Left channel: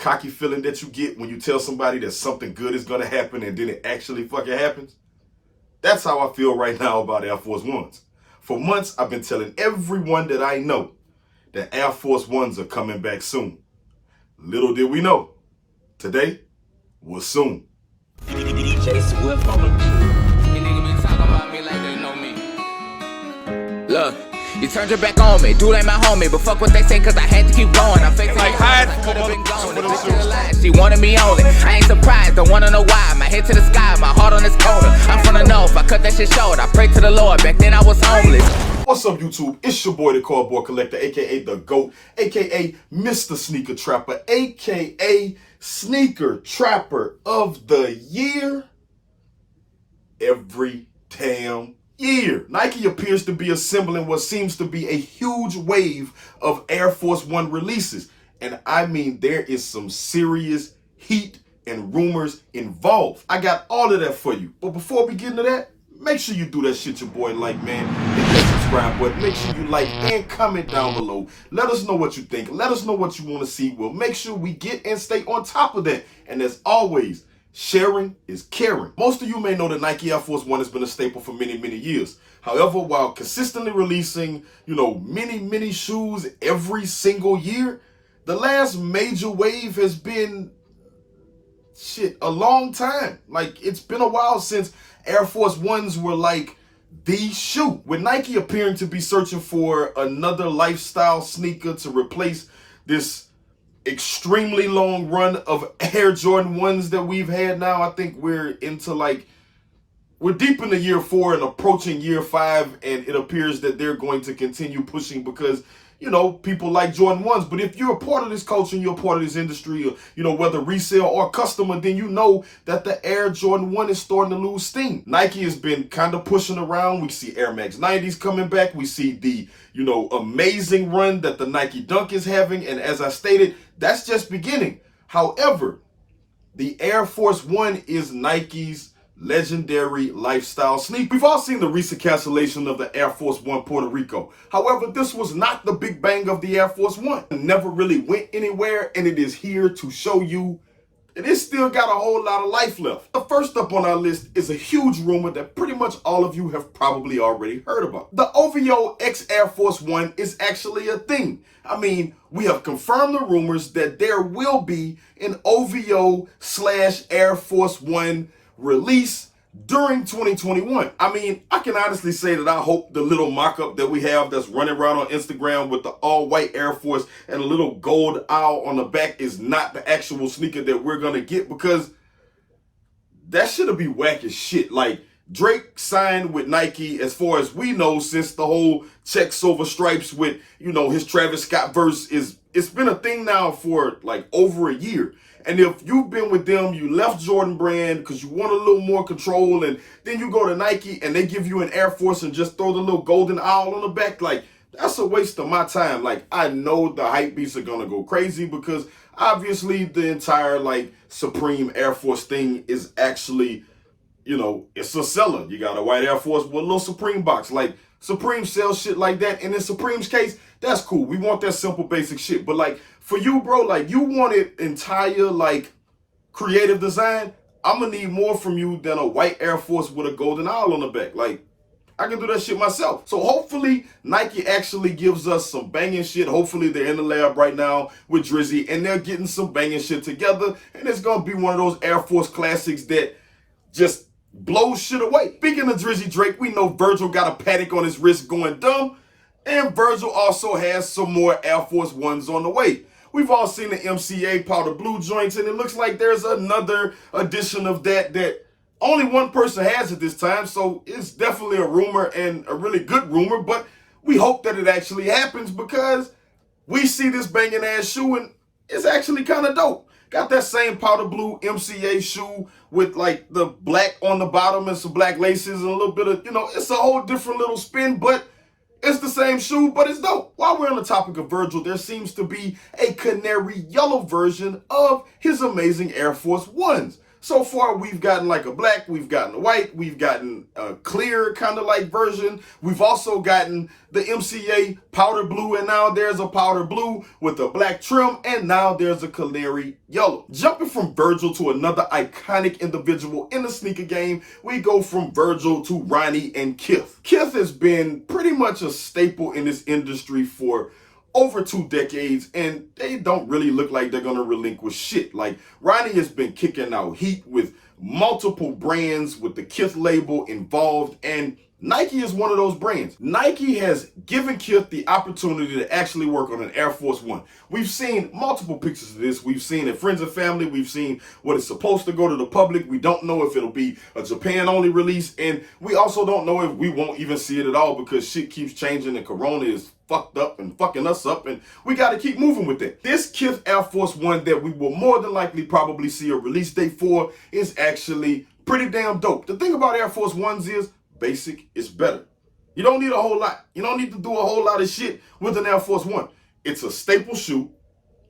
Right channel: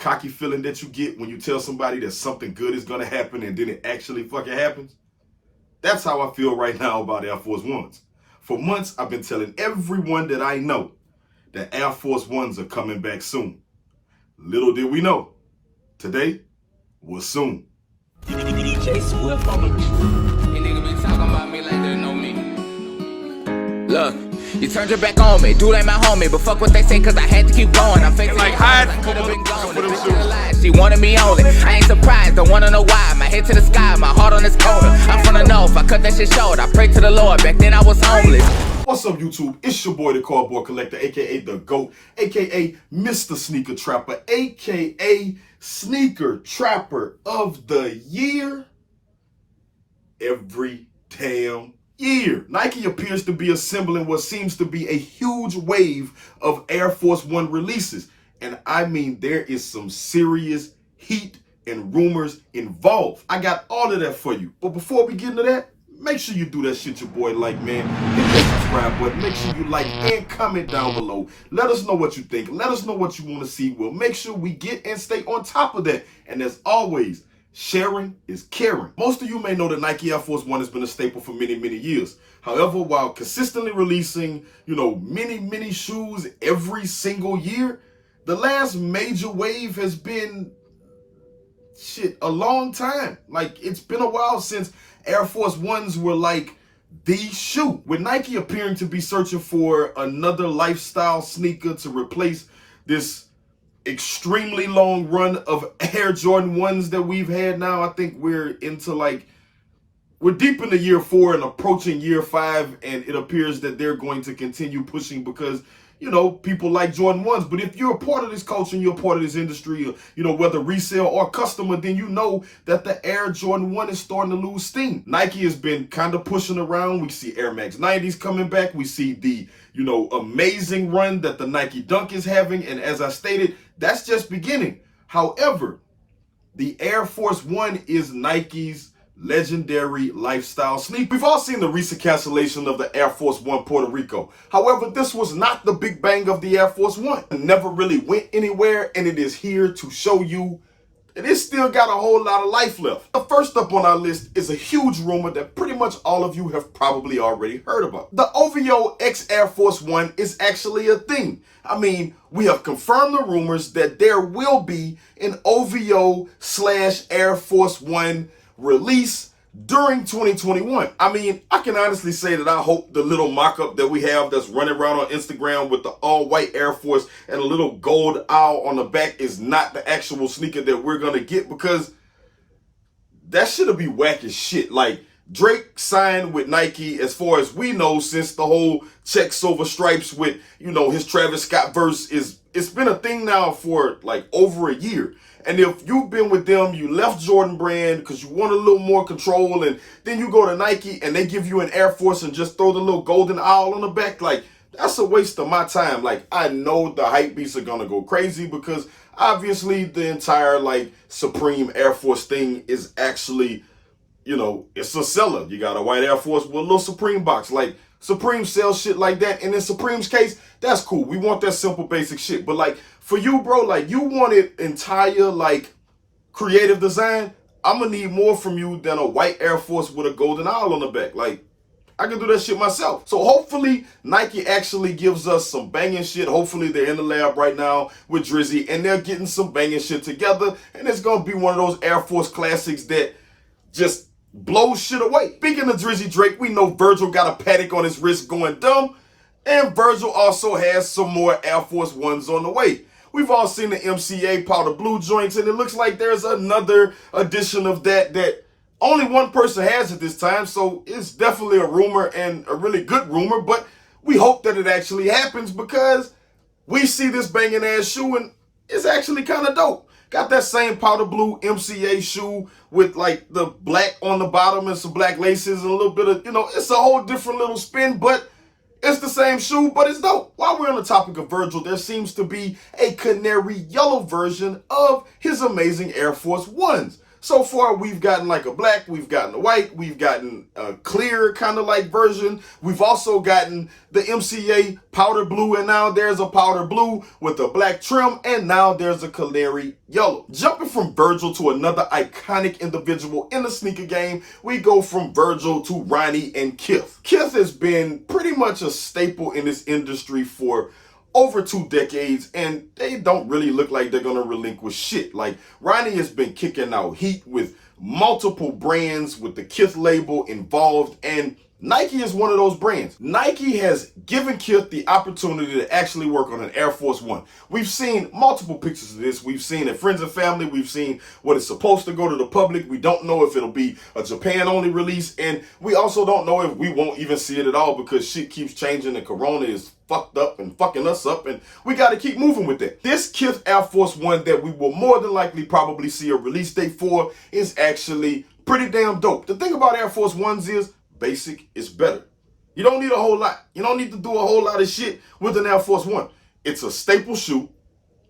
cocky feeling that you get when you tell somebody that something good is going to happen and then it actually fucking happens? That's how I feel right now about Air Force Ones. For months, I've been telling everyone that I know that Air Force Ones are coming back soon. Little did we know, today was soon. DJ Swift on the You niggas be talking about me like they know me. Look, you turned your back on me, dude ain't my homie, but fuck what they say cause I had to keep going. I'm facing like it, hide I from could've a been mother- gone. with The them bitch shoes. still alive, she wanted me only. I ain't surprised, don't wanna know why. My head to the sky, my heart on this corner. I'm from the north, I cut that shit short. I prayed to the Lord, back then I was homeless. What's up, YouTube? It's your boy, the Cardboard Collector, aka the GOAT, aka Mr. Sneaker Trapper, aka Sneaker Trapper of the Year. Every damn year, Nike appears to be assembling what seems to be a huge wave of Air Force One releases. And I mean, there is some serious heat and rumors involved. I got all of that for you. But before we get into that, make sure you do that shit your boy like, man. Hit that subscribe button. Make sure you like and comment down below. Let us know what you think. Let us know what you want to see. We'll make sure we get and stay on top of that. And as always, sharing is caring. Most of you may know that Nike Air Force One has been a staple for many, many years. However, while consistently releasing, many shoes every single year, the last major wave has been a long time. Like, it's been a while since Air Force Ones were like the shoe. With Nike appearing to be searching for another lifestyle sneaker to replace this extremely long run of Air Jordan 1s that we've had now, I think we're deep into year 4 and approaching year 5, and it appears that they're going to continue pushing because people like Jordan 1s. But if you're a part of this culture and you're a part of this industry, or, whether resale or customer, then you know that the Air Jordan 1 is starting to lose steam. Nike has been kind of pushing around. We see Air Max 90s coming back. We see the, amazing run that the Nike Dunk is having. And as I stated, that's just beginning. However, the Air Force One is Nike's legendary lifestyle sneaker. We've all seen the recent cancellation of the Air Force One Puerto Rico. However, this was not the big bang of the Air Force One. It never really went anywhere, and it is here to show you that it still got a whole lot of life left. The first up on our list is a huge rumor that pretty much all of you have probably already heard about. The OVO X Air Force One is actually a thing. I mean, we have confirmed the rumors that there will be an OVO/Air Force One release during 2021. I mean, I can honestly say that I hope the little mock-up that we have that's running around on Instagram with the all-white Air Force and a little gold owl on the back is not the actual sneaker that we're gonna get, because that shit'll be whack as shit. Like, Drake signed with Nike, as far as we know, since the whole check silver stripes with, his Travis Scott verse it's been a thing now for like over a year. And if you've been with them, you left Jordan Brand because you want a little more control, and then you go to Nike and they give you an Air Force and just throw the little golden owl on the back, like, that's a waste of my time. Like, I know the hype beasts are gonna go crazy because obviously the entire Supreme Air Force thing is actually, it's a seller. You got a white Air Force with a little Supreme box. Like, Supreme sells shit like that, and in Supreme's case, that's cool. We want that simple, basic shit. But for you, bro, you wanted entire creative design. I'm gonna need more from you than a white Air Force with a golden owl on the back. I can do that shit myself. So hopefully Nike actually gives us some banging shit. Hopefully they're in the lab right now with Drizzy and they're getting some banging shit together, and it's gonna be one of those Air Force classics that just blows shit away. Speaking of Drizzy Drake, we know Virgil got a paddock on his wrist going dumb, and Virgil also has some more Air Force Ones on the way. We've all seen the MCA powder blue joints, and it looks like there's another edition of that only one person has at this time, so it's definitely a rumor and a really good rumor, but we hope that it actually happens because we see this banging ass shoe and it's actually kind of dope. Got that same powder blue MCA shoe with the black on the bottom and some black laces and a little bit of, it's a whole different little spin, but it's the same shoe, but it's dope. While we're on the topic of Virgil, there seems to be a canary yellow version of his amazing Air Force Ones. So far, we've gotten like a black, we've gotten a white, we've gotten a clear kind of like version. We've also gotten the MCA powder blue, and now there's a powder blue with a black trim, and now there's a canary yellow. Jumping from Virgil to another iconic individual in the sneaker game, we go from Virgil to Ronnie and Kith. Kith has been pretty much a staple in this industry for over 2 decades, and they don't really look like they're gonna relinquish shit. Like, Ronnie has been kicking out heat with multiple brands with the Kith label involved, and Nike is one of those brands. Nike has given Kith the opportunity to actually work on an Air Force One. We've seen multiple pictures of this. We've seen it friends and family. We've seen what it's supposed to go to the public. We don't know if it'll be a Japan-only release, and we also don't know if we won't even see it at all because shit keeps changing and Corona is fucked up and fucking us up, and we got to keep moving with it. This Kith Air Force One that we will more than likely probably see a release date for is actually pretty damn dope. The thing about Air Force Ones is basic is better. You don't need a whole lot. You don't need to do a whole lot of shit with an Air Force One. It's a staple shoe.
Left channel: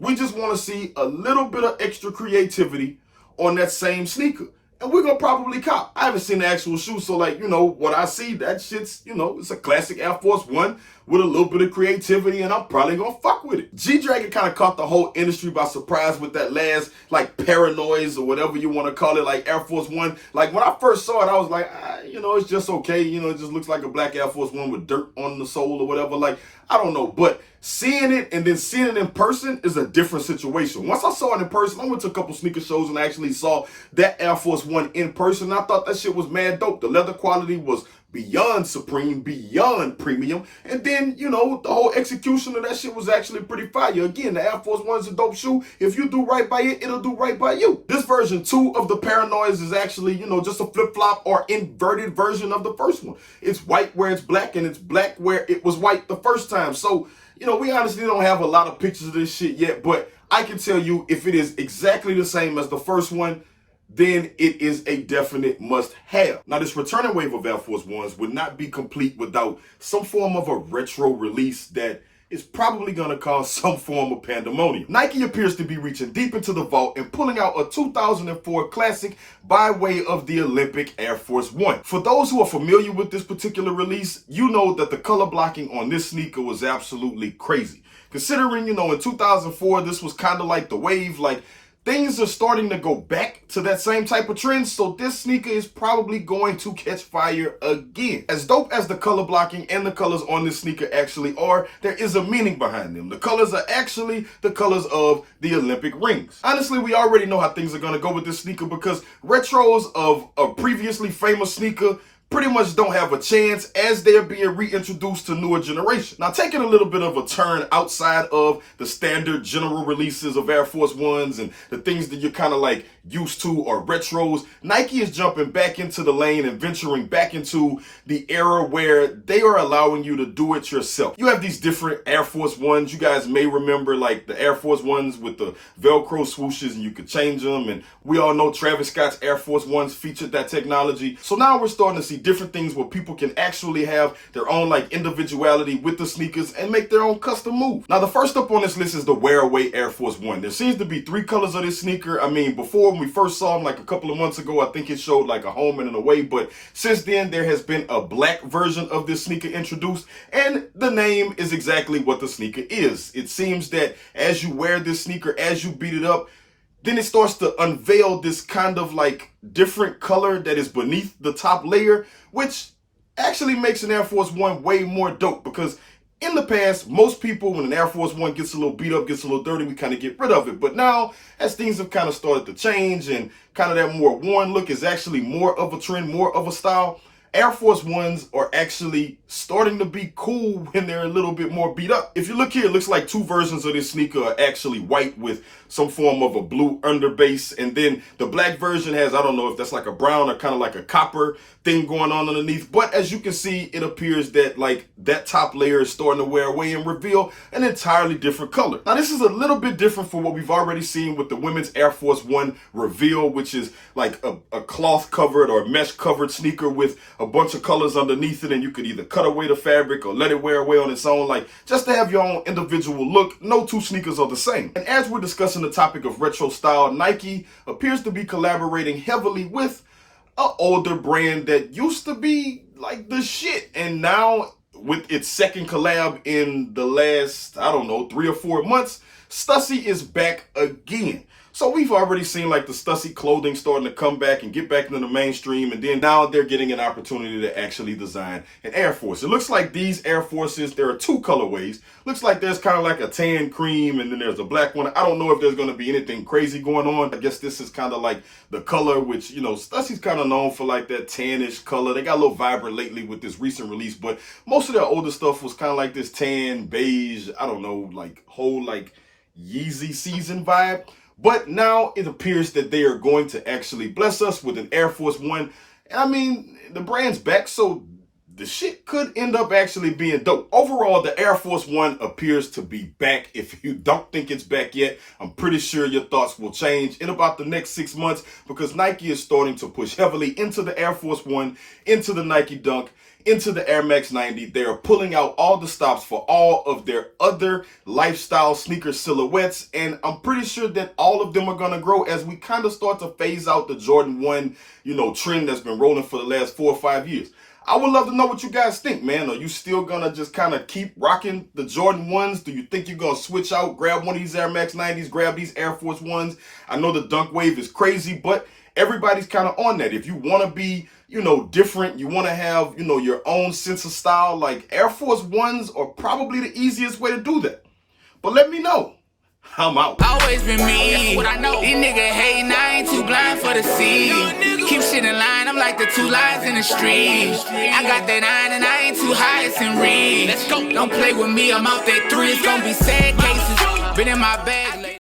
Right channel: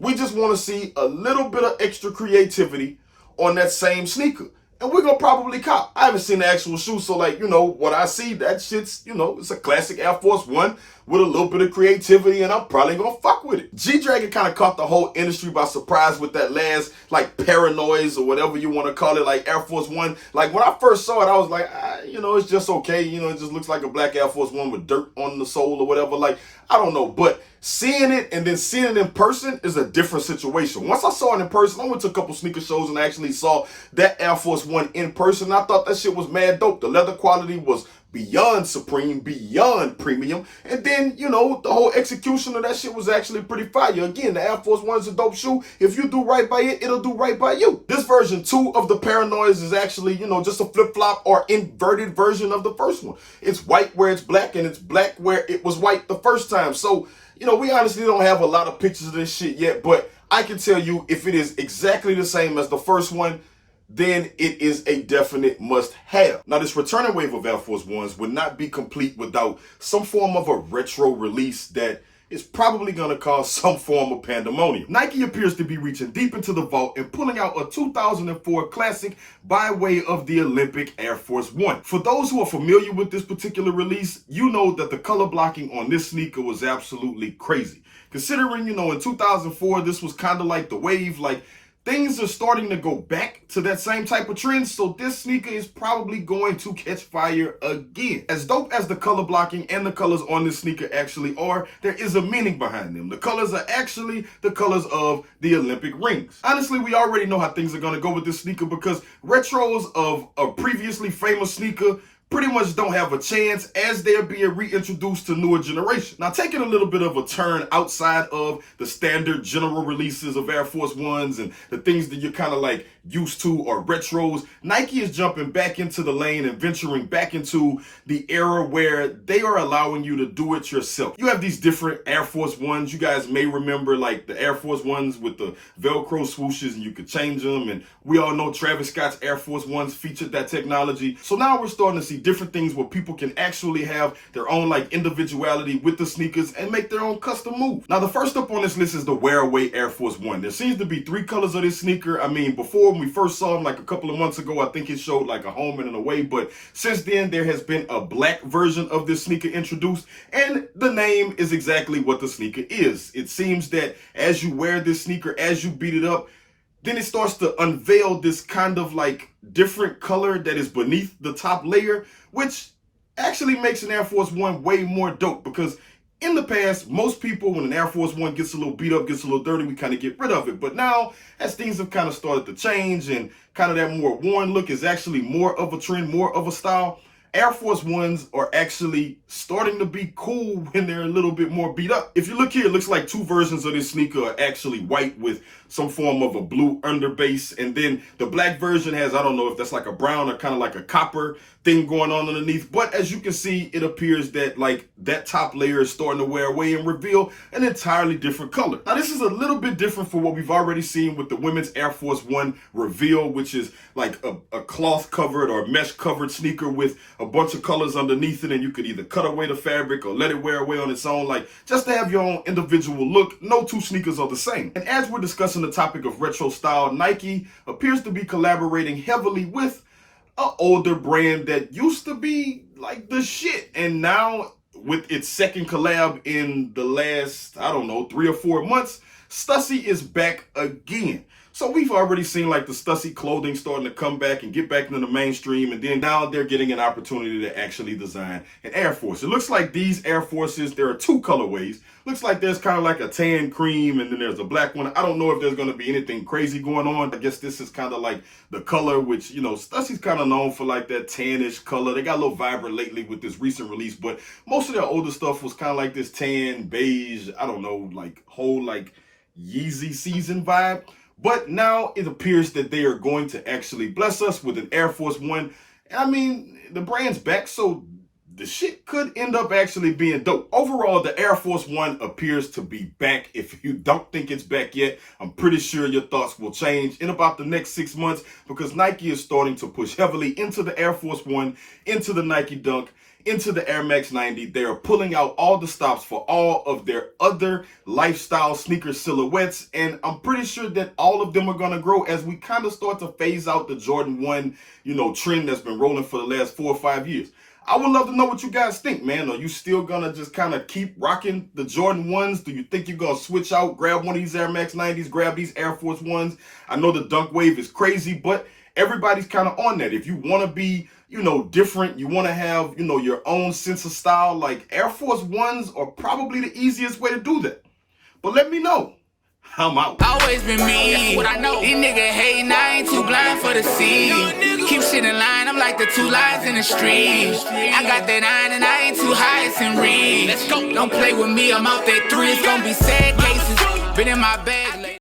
We just want to see a little bit of extra creativity on that same sneaker. And we're going to probably cop. I haven't seen the actual shoe, so like, what I see, that shit's, it's a classic Air Force One with a little bit of creativity, and I'm probably going to fuck with it. G-Dragon kind of caught the whole industry by surprise with that last, like, Paranoids or whatever you want to call it, like Air Force One. Like, when I first saw it, I was like, it's just okay. It just looks like a black Air Force One with dirt on the sole or whatever. Like, I don't know. But seeing it and then seeing it in person is a different situation. Once I saw it in person, I went to a couple sneaker shows and I actually saw that Air Force One in person. I thought that shit was mad dope. The leather quality was beyond supreme, beyond premium. And then, the whole execution of that shit was actually pretty fire. Again, the Air Force One is a dope shoe. If you do right by it, it'll do right by you. This version 2 of the Paranoids is actually, just a flip-flop or inverted version of the first one. It's white where it's black, and it's black where it was white the first time. So, we honestly don't have a lot of pictures of this shit yet, but I can tell you if it is exactly the same as the first one, then it is a definite must-have. Now, this returning wave of Air Force Ones would not be complete without some form of a retro release that is probably going to cause some form of pandemonium. Nike appears to be reaching deep into the vault and pulling out a 2004 classic by way of the Olympic Air Force One. For those who are familiar with this particular release, you know that the color blocking on this sneaker was absolutely crazy. Considering, in 2004, this was kind of like the wave, like, things are starting to go back to that same type of trend, so this sneaker is probably going to catch fire again. As dope as the color blocking and the colors on this sneaker actually are, there is a meaning behind them. The colors are actually the colors of the Olympic rings. Honestly, we already know how things are going to go with this sneaker because retros of a previously famous sneaker pretty much don't have a chance as they're being reintroduced to newer generation. Now, taking a little bit of a turn outside of the standard general releases of Air Force Ones and the things that you're kind of like used to or retros, Nike is jumping back into the lane and venturing back into the era where they are allowing you to do it yourself. You have these different Air Force Ones. You guys may remember like the Air Force Ones with the Velcro swooshes and you could change them. And we all know Travis Scott's Air Force Ones featured that technology. So now we're starting to see different things where people can actually have their own like individuality with the sneakers and make their own custom move. Now, the first up on this list is the Wear Away Air Force One. There seems to be 3 colors of this sneaker. I mean, before when we first saw them like a couple of months ago, I think it showed like a home and an away, but since then there has been a black version of this sneaker introduced, and the name is exactly what the sneaker is. It seems that as you wear this sneaker, as you beat it up, then it starts to unveil this kind of like different color that is beneath the top layer, which actually makes an Air Force One way more dope because in the past, most people, when an Air Force One gets a little beat up, gets a little dirty, we kind of get rid of it. But now, as things have kind of started to change and kind of that more worn look is actually more of a trend, more of a style, Air Force Ones are actually starting to be cool when they're a little bit more beat up. If you look here, it looks like 2 versions of this sneaker are actually white with some form of a blue underbase. And then the black version has, I don't know if that's like a brown or kind of like a copper thing going on underneath. But as you can see, it appears that like that top layer is starting to wear away and reveal an entirely different color. Now this is a little bit different from what we've already seen with the women's Air Force One reveal, which is like a cloth covered or mesh covered sneaker with a bunch of colors underneath it, and you could either cut away the fabric or let it wear away on its own, like just to have your own individual look. No two sneakers are the same. And as we're discussing the topic of retro style, Nike appears to be collaborating heavily with an older brand that used to be like the shit, and now with its second collab in the last, I don't know, 3 or 4 months, Stussy is back again. So we've already seen like the Stussy clothing starting to come back and get back into the mainstream, and then now they're getting an opportunity to actually design an Air Force. It looks like these Air Forces, there are 2 colorways. Looks like there's kind of like a tan cream and then there's a black one. I don't know if there's going to be anything crazy going on. I guess this is kind of like the color, which, you know, Stussy's kind of known for like that tannish color. They got a little vibrant lately with this recent release, but most of their older stuff was kind of like this tan, beige, I don't know, like whole like Yeezy season vibe. But now it appears that they are going to actually bless us with an Air Force One. I mean, the brand's back, so the shit could end up actually being dope. Overall, the Air Force One appears to be back. If you don't think it's back yet, I'm pretty sure your thoughts will change in about the next 6 months, because Nike is starting to push heavily into the Air Force One, into the Nike Dunk, into the Air Max 90. They are pulling out all the stops for all of their other lifestyle sneaker silhouettes, and I'm pretty sure that all of them are going to grow as we kind of start to phase out the Jordan 1, you know, trend that's been rolling for the last 4 or 5 years. I would love to know what you guys think, man. Are you still going to just kind of keep rocking the Jordan 1s? Do you think you're going to switch out, grab one of these Air Max 90s, grab these Air Force 1s? I know the Dunk Wave is crazy, but everybody's kind of on that. If you want to be, you know, different, you want to have, you know, your own sense of style, like Air Force Ones are probably the easiest way to do that. But let me know. I'm out. Always been me. What I know. These niggas hating, I ain't too blind for the sea. Keep shit in line, I'm like the 2 lines in the street. I got that 9 and I ain't too high, it's in read. Let's go. Don't play with me, I'm out that 3. It's gonna be sad cases. Been in my bag.